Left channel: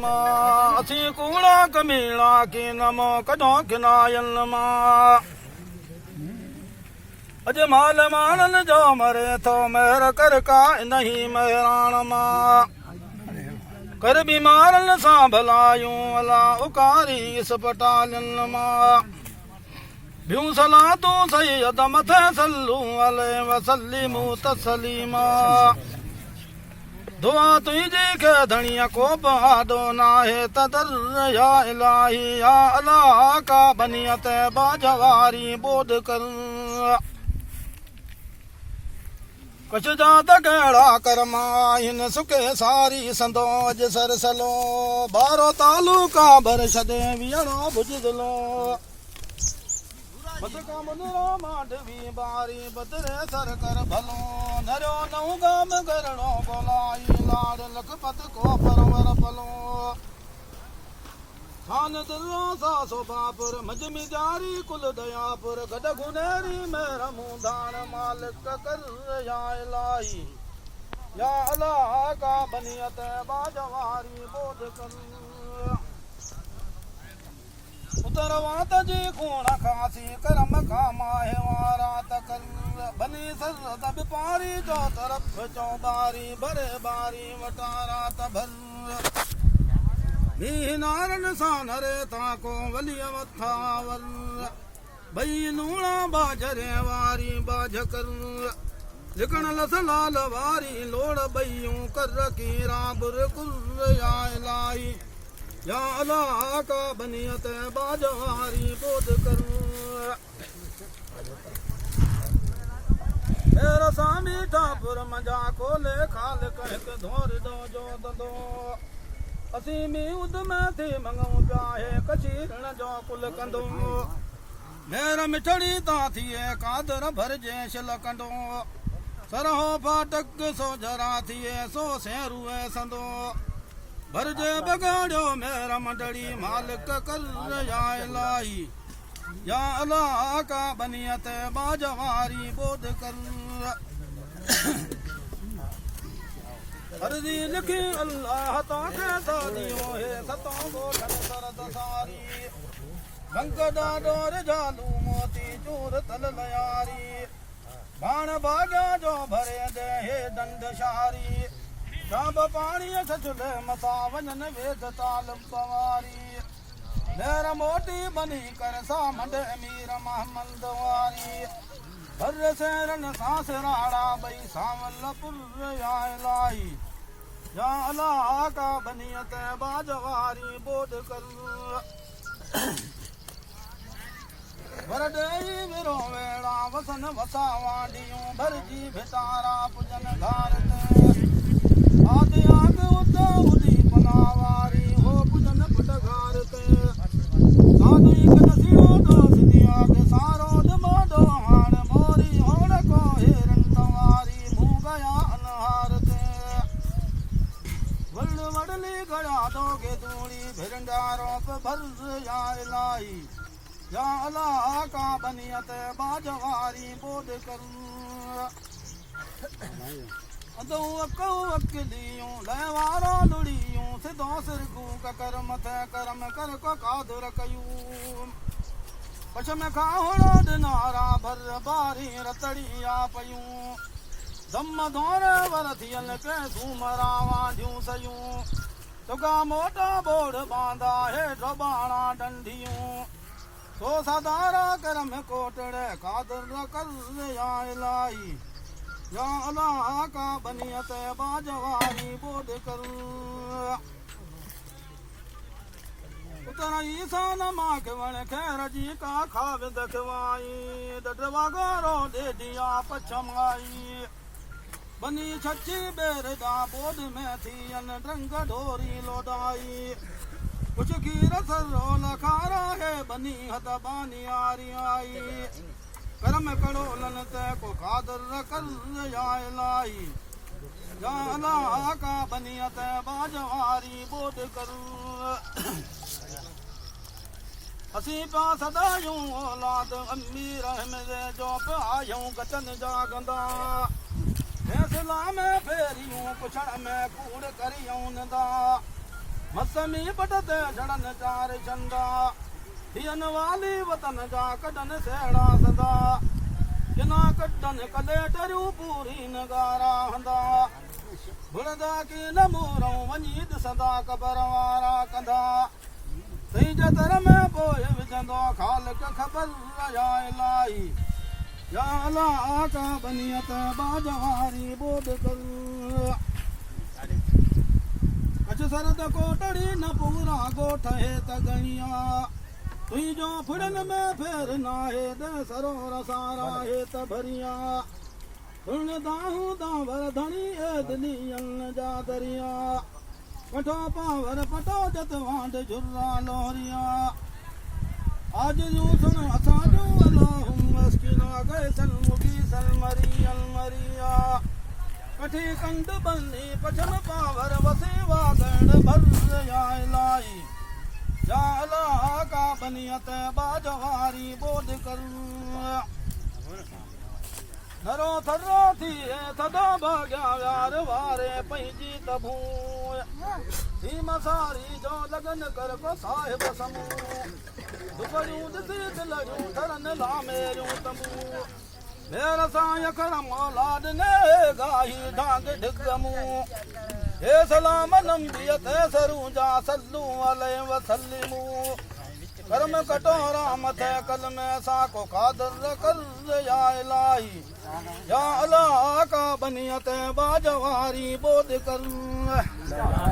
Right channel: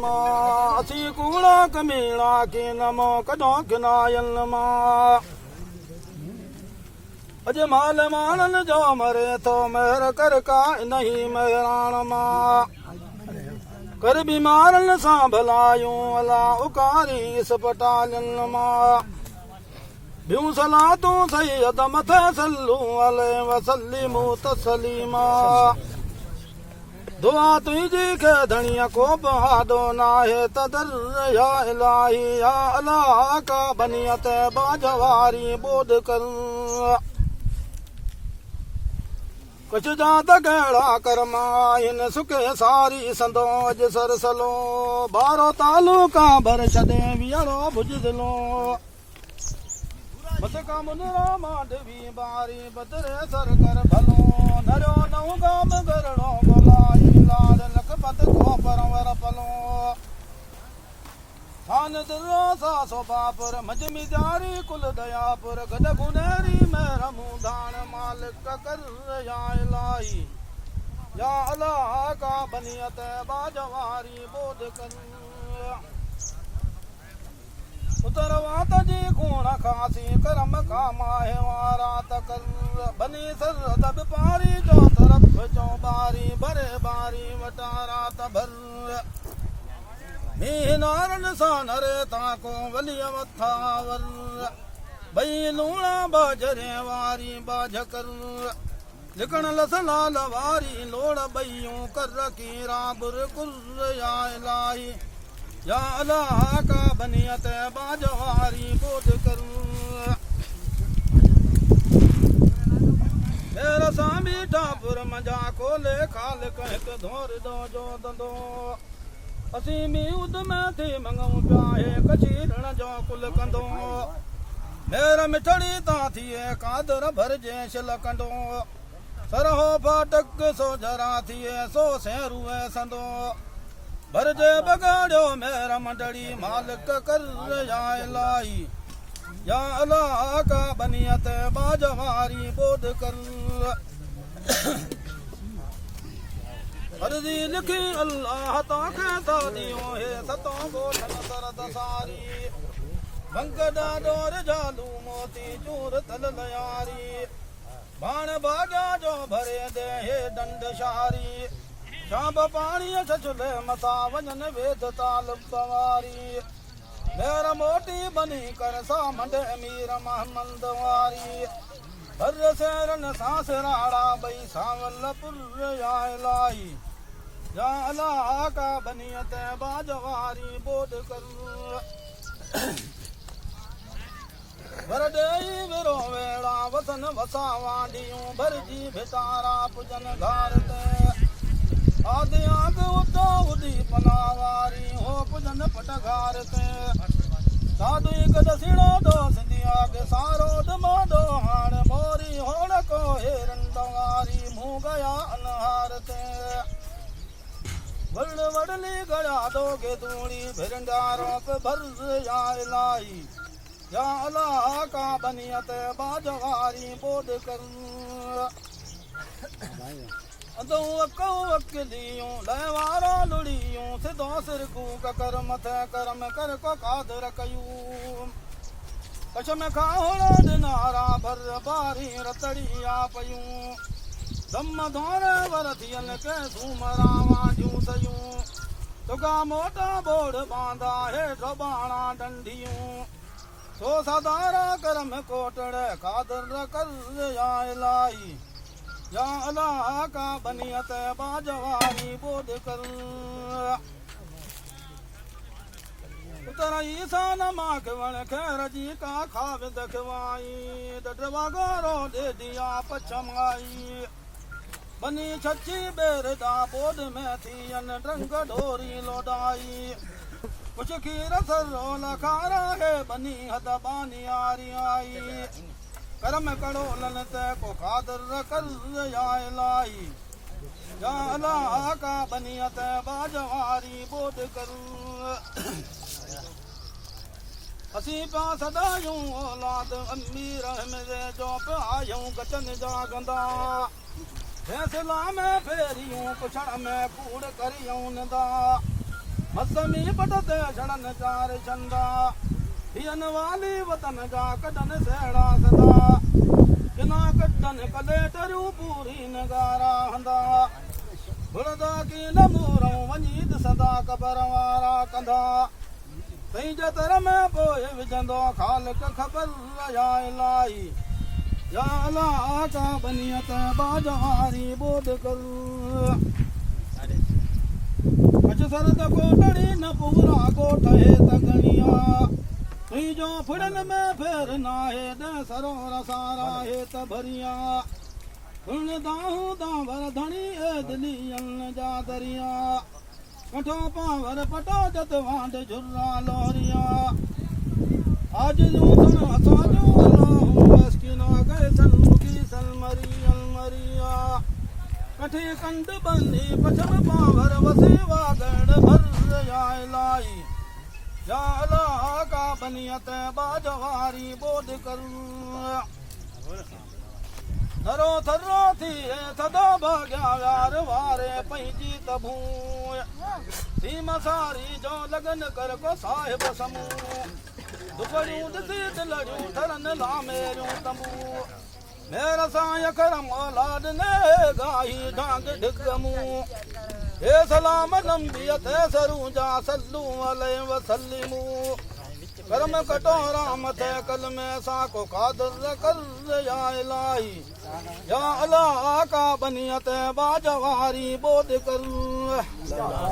मां असी कूड़ा कमीड़ा की नमो कॾो किनायल मां अज माल मानन जो मरे थो मेहर कर का नहीं मेहरान मां कर बीमारन सां भलायूं अला उकारी इस्पतालन मां बियूं सलातूं सैयद मथे सल्लू अलैहि वसल्लिमू तस्लीमा दुआ तुझी के धनिया को बहादो नाहे तदर या इलाही या अल्लाह का बनियत बाजवारी बोध कर कुछ जात कहिड़ा कर्मा हिन सुके सारी संदो अज सरसलो बारो तालुका भर छदे वियणो भुजदलो बद का मुनरा मांडवी बारी बदरे सर कर भलो नरो नऊ गाम करणो गोलाई लाड लखपत को परवर पलो खान दिलो सासो बापुर मजमी जारी कुल दयापुर गड गुनेरी मेरमू दान मालिक कर या इलाही या अल्लाह का बनियत बाजवारी बोध कर उतरवात जी खूण खासी करम का माहे वारा तकर बनी सर तब पारी जो तरफ चौबारी भरे बारी वटारा तभर मीह नारन सा नरे ताको वलिय मथावर भई लूणा बाजरे वारी बाज कर लिकण लसलाल वारी लोड़ बईयूं कर कीरा बुर कुर या इलाही या अल्लाह का बनियत बाजवारी बोध कर मेरा सामी ठापुर मजा को ले खाल कहत धोर दो जो दंदो असी मी उद में थी मंगऊ प्याहे कचीरण जो कुल कंदो मेरा मिठड़ी ता थिए कादर भर जे शिल कंदो सरहो फाटक सो जरा थिए सो सेरुए संदो भरजे बगाड़ो मेरा मंडड़ी मालिक कर या इलाही या अल्लाह का बनियत बाजवारी बोध कर अर्जी लिखी अल्लाह ताके सादियों है सतों गोठन सरद सारी बंकड़ा डोर जालू मोती चूर तल लयारी बाण बाजा जो भरे दे हे दंड शारी शाब पानी छछुले मसा वजन वेद ताल सवारी मेरा मोटी बनी कर सा मंड अमीर महमद वारी भर सेरन सांस राड़ा बई सावल पुर या इलाही या अल्लाह का बनियत बाजवारी बोध कर वरदेई विरो वेड़ा वसन वसा वाडियूं भरजी भितारा पुजन घारते आदि आग उदा उदी पनावारी हो पुजन पटघारते साधु कद सिड़ो दो सिदिया के सारो दमाडो हाण मोरी होड़ को हेरन तवारी मुँह गया अनहारते वर्ण वडली गया दोगे दूड़ी भिरंडारों पे भर्ज या इलाही या अल्लाह का बनियत बाजवारी बोध कर अदो अको अकलियूं लहवारा लुड़ियूं सिधो सिरकू करम थे करम कर को कादर कयूं पशम खाहोड़ा दिनारा भर बारी रतड़िया पयूं दम धोरे वरथियल के झूमरा वांझूं सयूं तुगा मोटा बोड़ बांधा है ढबाणा डंडियूं तो सदारा करम कोटड़े कादर कर या इलाही या अल्लाह का बनियत बाजवारी बोध कर उतर ईसान माख वण खैर जी का खाव दखवाई डडवागारो दे दिया पछमाई बनी छची बेरदा बोध में थी अन रंग ढोरी लोडाई कुछ खीर सरो लखारा है बनी हद बानी आरी आई करम कड़ो लनत को कादर कर या इलाही या अल्लाह का बनियत बाजवारी बोध कर असी पा सदायूं औलाद अम्मी रहमे जो पायूं गचन जागंदा फैसला में फेरियूं पुछड़ में कूड़ करियूं नदा मसमी पटते झड़न चार चंदा थियन वाली वतन जा कदन सेड़ा सदा किना कटन कले टरियूं पूरी नगारा हंदा बुलदा की न मूरऊं वञी ॾिसंदा क़बर वारा कंदा सही जतर में पोइ विझंदो ख़ालिक ख़बर या इलाही या अलाह का बनियत बाजारी बोध कर अच सरद कोटड़ी न पूरा गोठ है तगणिया तुझो फुड़न में फेर नाहे दे सरोर सारा है त भरिया फुण दाहू दावर धणी ए दिलियन जा दरिया कठो पावर पटो जत वांड झुर्रा लोरिया आज जूं सुन हसा जो अल्लाहु मस्किना गए सन मुगी सन मरिया कठी कंड बल्ली पछन पावर वसीवा गण भर या इलाही या अल्लाह का बनियत बाजवारी बोध कर नरो थरो थी सदा भाग्या यार वारे पंहिंजी तबू सीम सारी जो लगन कर को साहिब समूह दुपड़ियूं ॾिसी दिलड़ियूं ठरन लामेरियूं तंबू मेरा साईं करम औलाद ने गाही ढांग ढिगमू हे सलाम नंबियत सरू जा सल्लू अलैहि वसल्लमू कर्म कटोरा मथे कल में साको कादर कर या इलाही या अल्लाह का बनियत बाजवारी बोध कर